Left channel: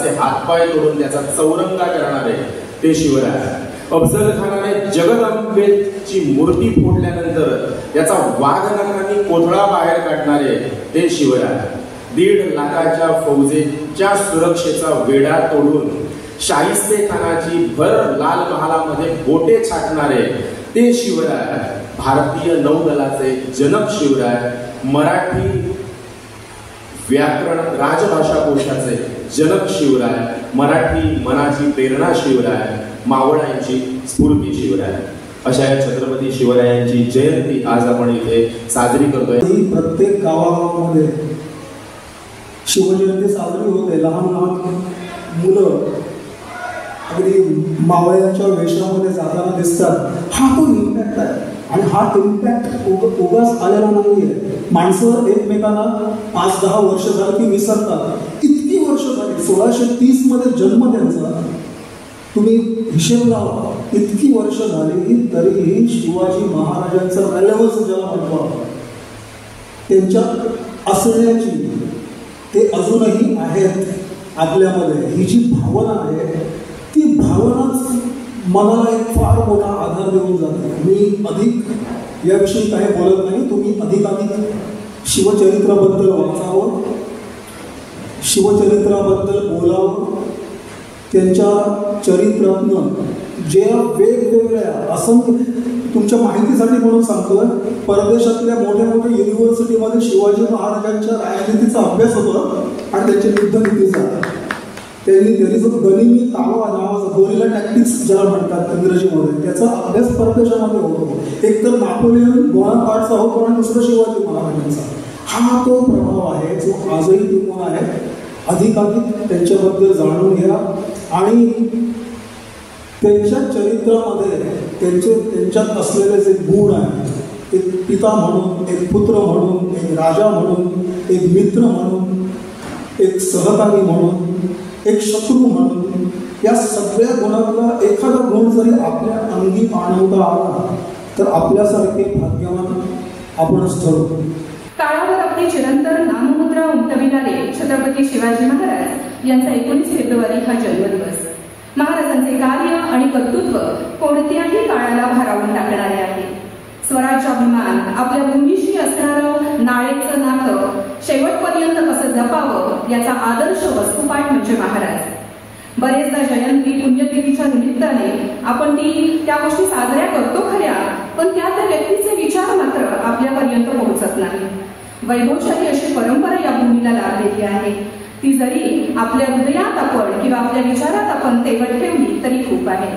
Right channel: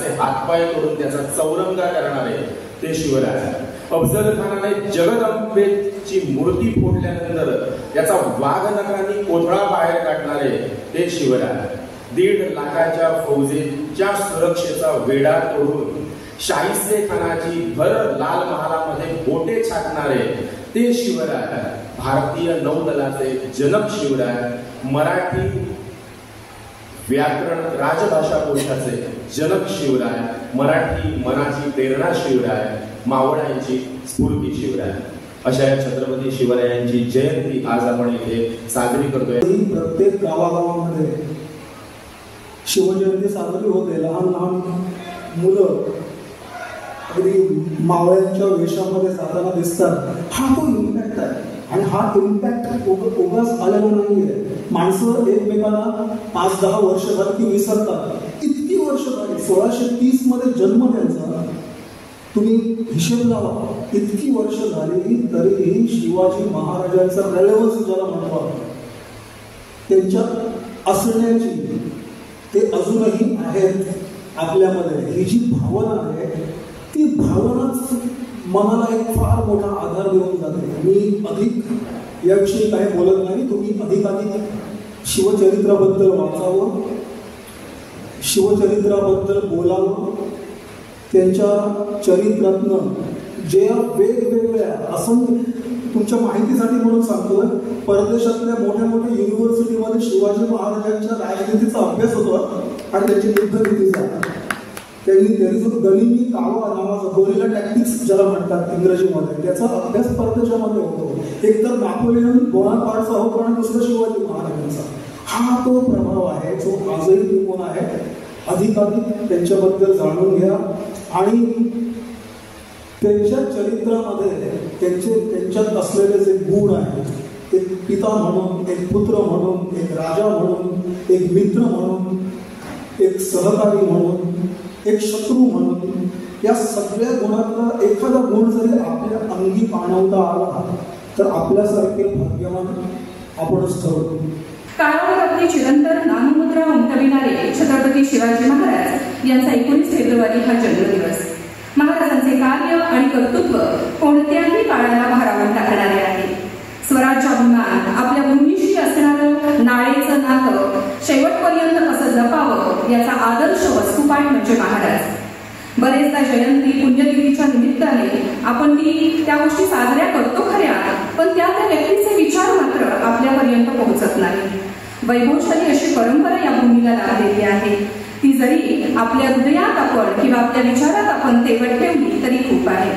त्याचे हातपाय तोडून त्याचा चौरंगा करणारे ते शिवराय. अफजल खानाने जगदंबेची मूर्ती फोडल्यानंतर त्याचा वाघनखांनी कोथळा बाहेर काढणारे ते शिवराय. 1.5 लाखाच्या फौजेच्या सुरक्षेचा वेढा तोडून शाहिस्ते खानाची भर लाल महालामध्ये बोटे छाटणारे ते शिवराय. भारतीय नौदलाचे जनक शिवराय. मराठी व्याकरण राजभाषा कोशाचे जनक शिवराय. मराठी मनाची प्रेरणा शिवराय. मावळ्यांची स्फूर्ती शिवराय. अशा या छत्रपती शिवरायांची जयंती आज आपण इथे साजरी करतोय. प्रत्येक गावागावामध्ये शिवजयंती साजरी होते. लहान लहान मुलं अगदी मावळ्यांच्या वेशामध्ये जाताना दिसतात. हा तो इम्पॅक्ट आहे आणि हा इम्पॅक्ट उगाच आलेला नाहीये. माणसं एकमेकांना 5-10 वर्ष झालं की विसरतात. इतकी वर्ष झाली. 1630 मध्ये जन्म त्यांचा. तुम्ही हिशेब लावा. इतकी वर्ष झाली तरीही शिवाजी महाराजांचा रेलेव्हन्स ज्याला म्हणतो त्यांच्यात असण्याची ते अजूनही आहेत आपल्यामध्ये. ही जी भावना आहे ती भावनाच मनाला एक फार मोठा आधार देऊन जाते. मी अधिक याविषयी काही बोलत नाही. तुम्ही अधिकाधिक शिवचरित्राबद्दल वाचावं, शिवचरित्राबद्दल बोलावं. त्यांच्या चरित्रातनं जे वेगवेगळ्या असंख्य, तुमच्या माहितीसाठी म्हणून सांगतोय, परदेशातल्या मोठ्या मोठ्या युनिव्हर्सिटीमध्ये शिवाजी महाराजांच्या राजनीतीचा अभ्यास होतो आणि त्यांच्या युद्धनीतीचा. त्यांनी जो गनिमी कावा नावाचा गोरिला टॅक्टिक्स ज्याला म्हणतात इंग्रजीमध्ये, त्याचा अभ्यास परदेशामध्ये होतो. एक तर नापोलियन बोनापार्टचा होतो आणि दुसरं शिवाजी महाराजांचा. हा तो प्रभाव आहे जो आजही टिकून आहे. अधिकाधिक त्यांच्याबद्दल जाणून घ्या आणि त्यांच्या चरित्रामध्ये त्यांच्यात असलेले जे गुण आहेत, एक पिता म्हणून, एक पुत्र म्हणून, एक राजा म्हणून, एक मित्र म्हणून, एक सहकारी म्हणून, एक शत्रू म्हणून, या सगळ्या गुणातला एखादा गुण जरी आपल्या अंगी आणवता आला तर आपल्यासारखे भाग्यवान आपणच ठरतो. काळावर आपली चिरंतर नाममुद्रा उमटविणारे छत्रपती शिवाजी महाराज यांचा 19 फेब्रुवारी हा जन्मदिवस. महाराजांचे कार्य आणि कर्तृत्व कोणत्याही काळाला भारावून टाकणारे आहे. स्वराज्याभिमान, आपल्या भूमीशी असणारं नाळेचं नातं शेवटपर्यंत कसं जपावं याचा आदर्श वस्तुपाठ म्हणजे महाराज. बरेचदा जयंती पुण्यतिथीच्या निमित्ताने आपण त्या गोष्टी साजऱ्या करतो खऱ्या, पण त्या व्यक्तीचे विचार मात्र आपल्यापर्यंत पोहोचत नाही. वैभवशाली अशी परंपरा या भूमीला लाभ देते आहे. ती जरी आपल्या हृदयात आपण किंवा आपल्या विचारात आपण तेवढ ठेवली तरी खूप आहे.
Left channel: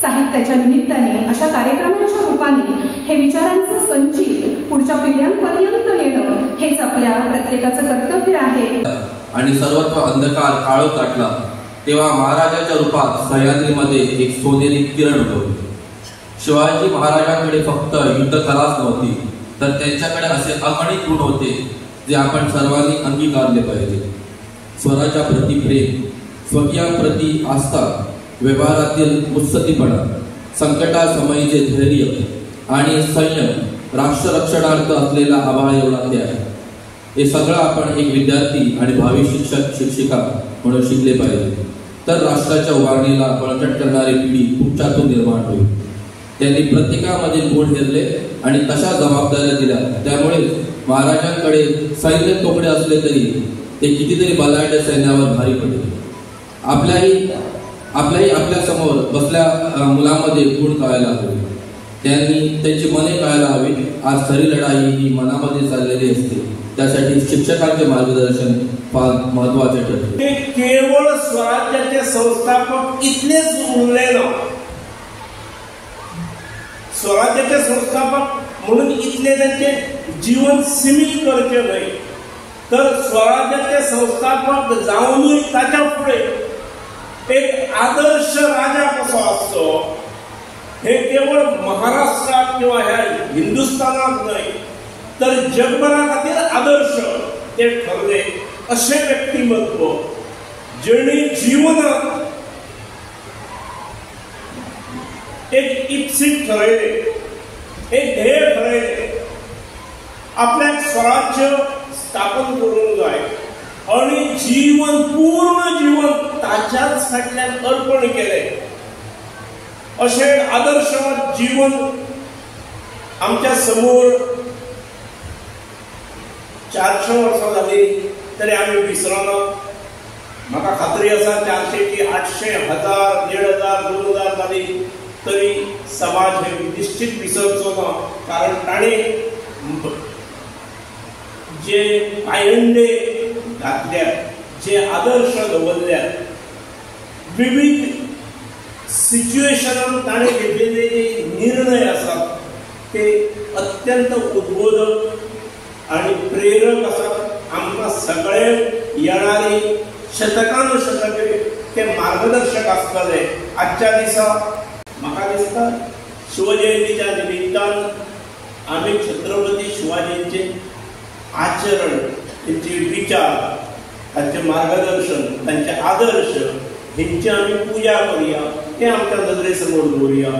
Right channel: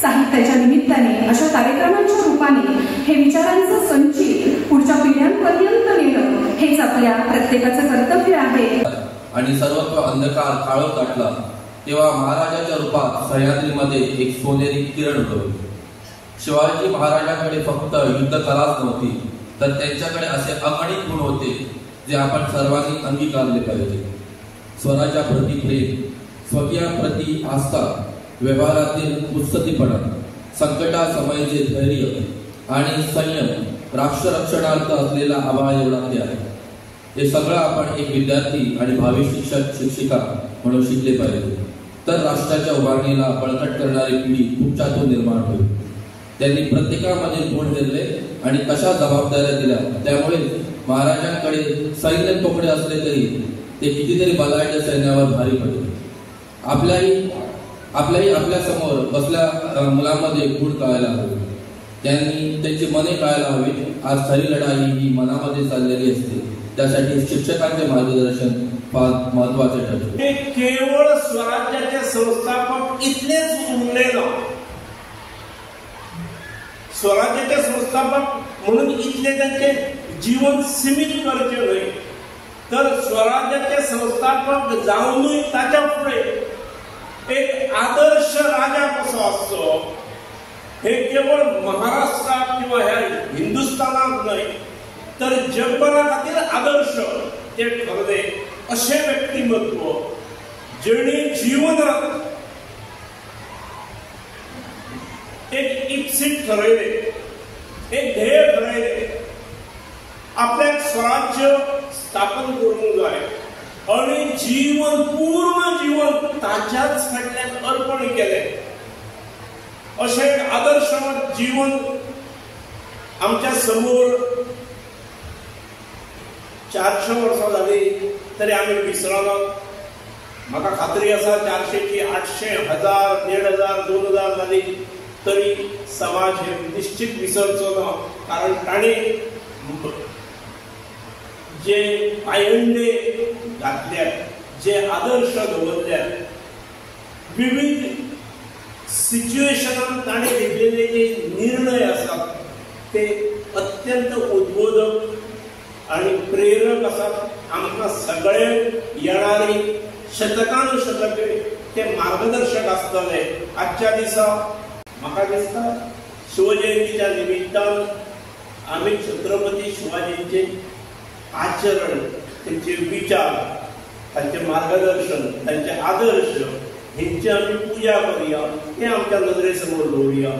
साहित्याच्या निमित्ताने अशा कार्यक्रमांच्या रूपाने हे विचारांचं संचित पुढच्या पिढ्यांपर्यंत नेणं हेच आपल्या प्रत्येकाचं कर्तव्य आहे. आणि सर्वत्र अंधकार काळोख गाठला तेव्हा महाराजाच्या रूपात सह्याद्रीमध्ये एक सोनेरी किरण उगवली. शिवाजी महाराजांकडे फक्त युद्धकलाच नव्हती, तर त्यांच्याकडे असे अगणित गुण होते जे आपण सर्वांनी अंगीकारले पाहिजे. स्वराज्याप्रती प्रेम, स्वकीयांप्रती आस्था, व्यवहारातील मुत्सद्दीपणा, संकटासमयीचे धैर्य आणि संयम, राष्ट्ररक्षणार्थ असलेला आभाळ एवढा त्याग, हे सगळं आपण एक विद्यार्थी आणि भावी शिक्षक शिक्षिका म्हणून शिकले पाहिजे. तर राष्ट्राच्या उभारणीला बळकट करणारी पिढी तुमच्यातून निर्माण होईल. त्यांनी प्रत्येकामधील गुण हेरले आणि तशा जबाबदाऱ्या दिल्या. त्यामुळे महाराजांकडे सैन्य तोकडे असले तरी ते कितीतरी बलाढ्य सैन्यावर भारी पडले. आपल्याही आपल्या समोर बसल्या मुलांमध्ये गुण कळायला हवे. त्यांनी त्यांची मने कळायला हवी. आज खरी लढाई ही मनामध्ये चाललेली असते. त्यासाठी शिक्षकांचे मार्गदर्शन फार महत्वाचे ठरते. ते केवळ स्वराज्याचे संस्थापक इथलेच उरले ना, स्वराज्याचे संस्थापक म्हणून इथले त्यांचे जीवन सीमित करते नाही, तर स्वराज्याचे संस्थापक जाऊनही त्याच्या पुढे एक आदर्श राजा कसा असतो हे केवळ महाराष्ट्रात किंवा ह्या हिंदुस्थानात नाही तर जगभरातील आदर्श ते ठरले. असे व्यक्तिमत्व ज्यांनी जीवनात एक इप्सित ठरवले, एक ध्येय ठरवले, आपल्या स्वराज्य स्थापन करून जाय आणि पूर्ण जीवन ताच्याच फाटल्यान अर्पण केलें अशें आदर्शवत जीवन आमच्या समोर 400 वर्सां जाली तरी आमी विसरना. म्हाका खात्री आसा 400 की 800, 1000, 1500, 2000 जाली तरी समाज हे निश्चित विसरचो ना. कारण ताणें जे पायंडे घातल्या, जे आदर्श दवरल्यात, विविध सिच्युएशनान ताणें घेतलेले जे निर्णय आसात ते अत्यंत उद्बोधक आणि प्रेरक आसात. आमकां सगळ्यांक येणारी शतकान शतके ते मार्गदर्शक आसतले. आजच्या दिसा म्हाका दिसता शिवजयंतीच्या निमित्तान आमी छत्रपती शिवाजींचे आचरण, त्यांचे विचार, तांचे मार्गदर्शन, तांचे आदर्श हेंची आमी पुजा करुया, हे आमच्या नदरे समोर दवरुया.